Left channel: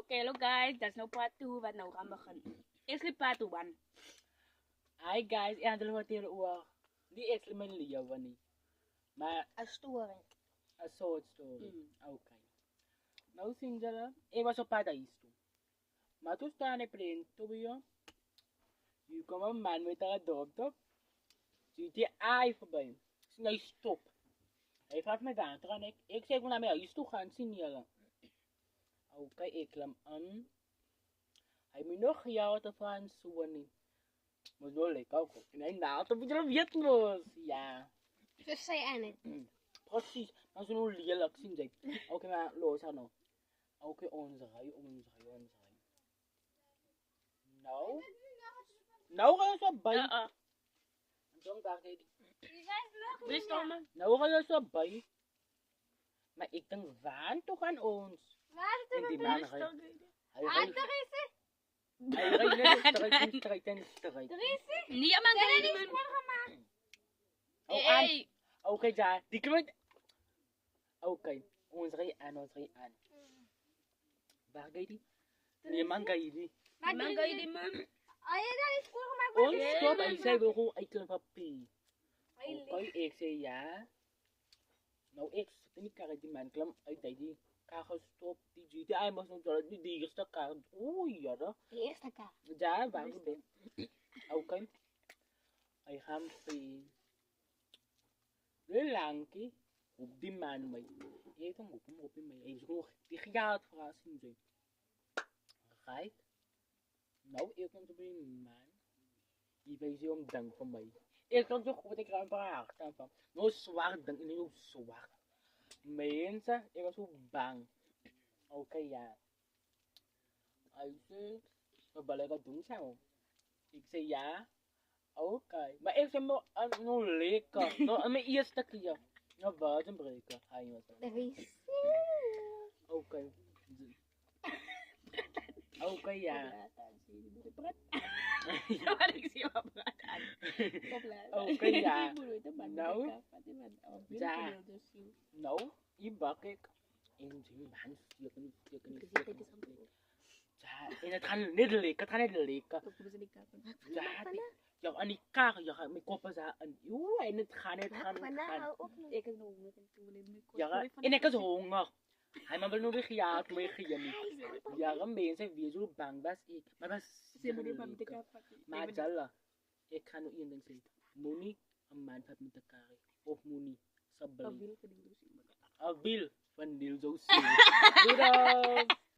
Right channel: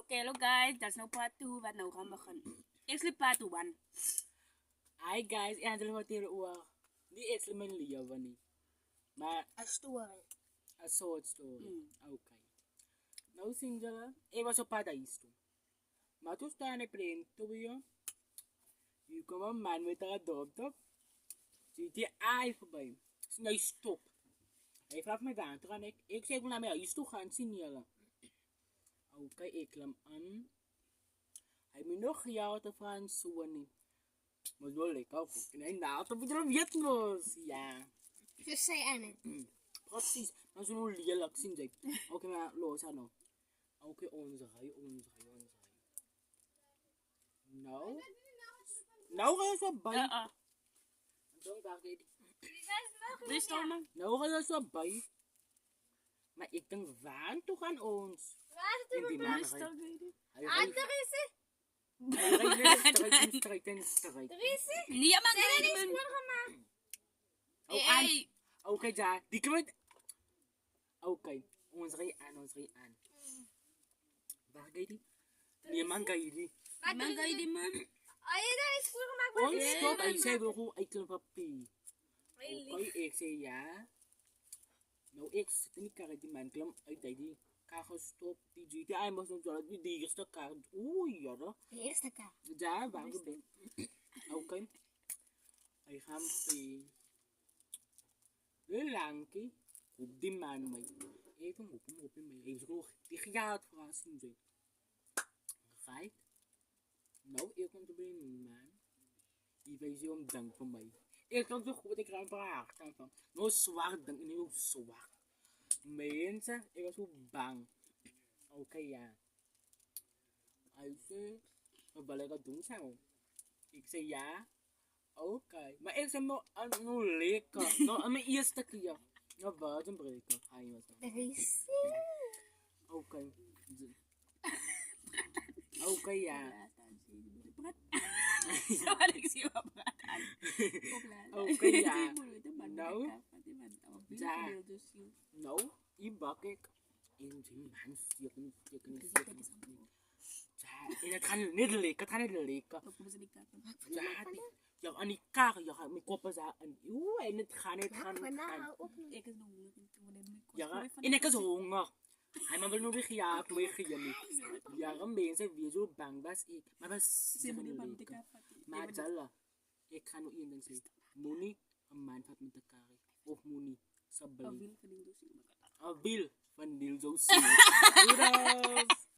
Oké, hallo guys, dat is nou part 2 wat nou gaan beginnen. Eerst die part 1. Hi guys, eindelijk wat hier oor. Die is mijn leven niet. Maar Een story. een soort story. Oké. Nou zien jullie, ik was op paradijs toe. Maar toen staan ik in Tobio. Nu kwam een man met een dokter. Ziet hij ai voorbij. Nee, stop. Hij vraagt me gaan terug en ik zeg naar mij, is toe gaan zien jullie. Oké, ik klim aan. Hij moet nog jou te vragen, zo niet. Maar zo lekker ook. En hij naalt op iedereen Vietnamese. Ja. Dus zei Anne. Precies. Maar zo lelijk zien ze. Oké, maar los aan nou. Oké, onze rij. Nou. Nou ga je zo bij. Ja, Dan wacht ik. Wie staan Nou ga je zo bij. Maar ik denk, waar toch aan ons? Waar In die man is het? Hij Ah, rijdt er is het. net strijd. Er is het. Niet aan Zijn er mijn niks voor gemaakt? Oh, aan. Oké, daar. Die kwijt. Oké, ons rij aan. Waar ga je die? Nee, man ga je die. Maar Man, ga je die man? Ah, je daar iets voor gemaakt? Oh, Maar stop. Hij zei wel gewoon uit een papier. Oké, ik zei ja. Nou, ik zit in die kar die man klim uit die kar gestopt. Die ziet hij moest nog zo die eerste kar. Oei, ja. de eerste kaart. Daar, waar je bent. Oké. Hij gaat bij. De langkie. Op die man mee. Even op hem mee. Hij is genoeg. Die gaat verrassen zijn. Right? Nou, ik kom bij die man. Die weet je om dank van mij. Ik kan zo goed, ik ga een paar haar staan van. Nou, zwart dank, nu zwart. Mensen, ik was zo bang. Oké, ja. Hij zei, wat wil ik dat doen zo? Ik zei ja. Oké. Maar ik zei nog lekker. Nou, mijn eerste keer. Nou, buiten breken. Hij was Er is Oké. Oké, ja. Ja, maar ik zie wel praat aan. Oké, ja. Nou, ja. Nou, die bak ik in die man steken. Ja, en het gaat niet lekker. Ja, aan die kar, ja, mijn kop is aan. Oeh, en het gaat niet. Ik is nog met een toen. Ja, en ik is honger. Hij maar wil nog weer gejaagd, nog weer gejaagd. Ja, mensen weer zo bang was ik. Maar was lekker. Maar Jalla, ik ga nog één ding zeggen. Moenie een man vat met elkaar. Of moenie, sabbel. Een wiel van Niel zo zien. Doei.